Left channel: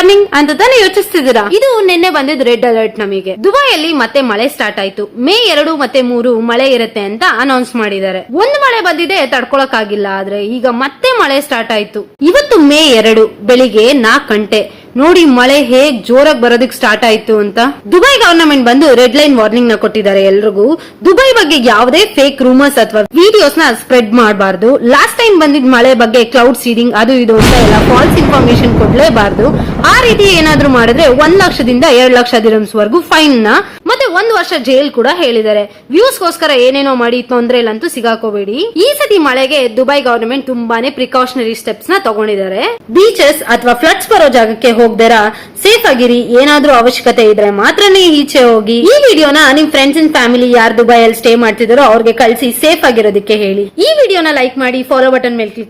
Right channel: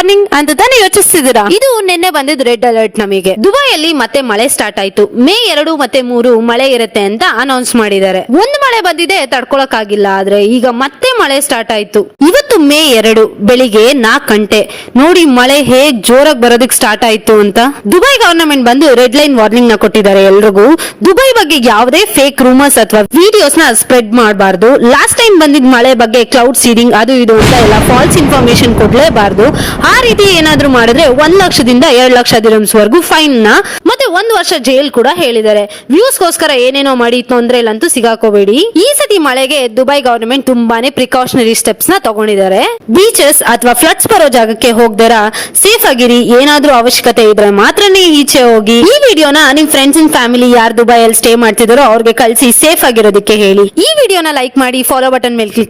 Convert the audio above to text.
Warning ಅಂತ ತಾನೇ ಯೋಚಿಸ್ತಿದ್ದೀರಾ? ಇದು ನಿನ್ನೆ ಬಂದಿದ್ ರೆಡ್ ಅಲರ್ಟ್ ನಮಗೆ. ದುಬೈಯಲ್ಲಿ ಮತ್ತೆ ಮಳೆ ಸ್ಟಾರ್ಟ್ ಆಯ್ತು. ಮೇ 2 ಮತ್ತೆ 3 ಮಳೆ ಇರುತ್ತೆ ಅಂತ ಅನೌನ್ಸ್ ಮಾಡಿದ್ದಾರೆ. ಒಂದು ಮಳೆ ಬಂದಿದೆ, ತಡ್ಕೊಳಕ್ ಆಗಿಲ್ಲ. ಆದ್ರೆ ಈಗ ಮತ್ತೆ ಮಳೆ ಸ್ಟಾರ್ಟ್ ಆಯ್ತು. ಇವತ್ತು ಮೇ 2 ಬೆಳಿಗ್ಗೆ 4 ಗಂಟೆ. ನೋಡಿ ಮಳೆ ಹೇಗ್ ಜೋರಾಗಿ ಬರೋದಕ್ಕೆ ಸ್ಟಾರ್ಟ್ ಆಯ್ತು ಅಂತ. ದುಬೈ ಗವರ್ನಮೆಂಟ್ ಬಂದು ರೆಡ್ ಲೈನ್ ವಾರ್ನಿಂಗ್ ನ ಕೊಟ್ಟಿದ್ದಾರೆ ಎಲ್ರಿಗೂ. ದುಬೈ ಬಗ್ಗೆ ಯಾವುದೇ ಫೇಕ್ ರೂಮರ್ಸ್ ಅಥವಾ ವಿಡಿಯೋಸ್ ನ ಸ್ಪ್ರೆಡ್ ಮಾಡಬಾರ್ದು. ಲಾಸ್ಟ್ ಟೈಮ್ ಬಂದಿದ್ ಮಳೆ ಬಗ್ಗೆ ಕ್ಲೌಡ್ ಸೀಡಿಂಗ್ ಅದು ಇದು ಅಂತ ಎಲ್ಲ ಫಾಲ್ಸ್ ಇನ್ಫಾರ್ಮೇಶನ್ ಕೊಡ್ಲೇಬಾರ್ದು. ಆ ರೀತಿ ಏನಾದ್ರೂ ಮಾಡಿದ್ರೆ 1 ಲಕ್ಷದಿಂದ 2 ಲಕ್ಷ ದಿರಮ್ಸ್ ವರೆಗೂ ಫೈನ್ ನ ಮತ್ತೆ 1 ವರ್ಷ ಜೈಲ್ ಕೂಡ ಹೇಳಿದ್ದಾರೆ. ವ್ಯೂಸ್ ಗೋಸ್ಕರ ಏನೇನೋ ಮಾಡಿ ತೊಂದ್ರೆಲಂತೂ ಸಿಗಾಕೋಬೇಡಿ. ಈ ಸತಿ ಮಳೆಗೆ ದುಬೈ ಗವರ್ನಮೆಂಟ್ ತುಂಬಾನೇ ಪ್ರಿಕಾಷನರಿ ಸ್ಟೆಪ್ಸ್ ನ ತಗೊಂಡಿದ್ದಾರೆ. ಬೀಚಸ್ ಅಥವಾ ಫ್ಲಡ್ಸ್ ಬರೋ ಜಾಗಕ್ಕೆ ಹೋಗ್ದಿರ ಸೇಫ್ ಆಗಿರಿ. ಏನಾದ್ರೂ ಅವಶ್ಯಕತೆ ಇದ್ರೆ ಮಾತ್ರನೇ ಈಚೆ ಹೋಗಿ. ಈ ವಿಡಿಯೋನ ನಿಮ್ ಫ್ರೆಂಡ್ಸ್ ಅಂಡ್ ಫ್ಯಾಮಿಲಿ ಯಾರು ದುಬೈಯಲ್ಲಿ ಸ್ಟೇ ಮಾಡ್ತಿದಾರೋ ಅವ್ರಿಗೆ ಕಳಿಸಿ ಸೇಫ್ ಆಗಿರೋದಕ್ಕೆ ಹೇಳಿ. ಈ ವಿಡಿಯೋನ ಲೈಕ್ ಮಾಡಿ, ಫಾಲೋ ಬಟನ್ ಮೇಲೆ ಕ್ಲಿಕ್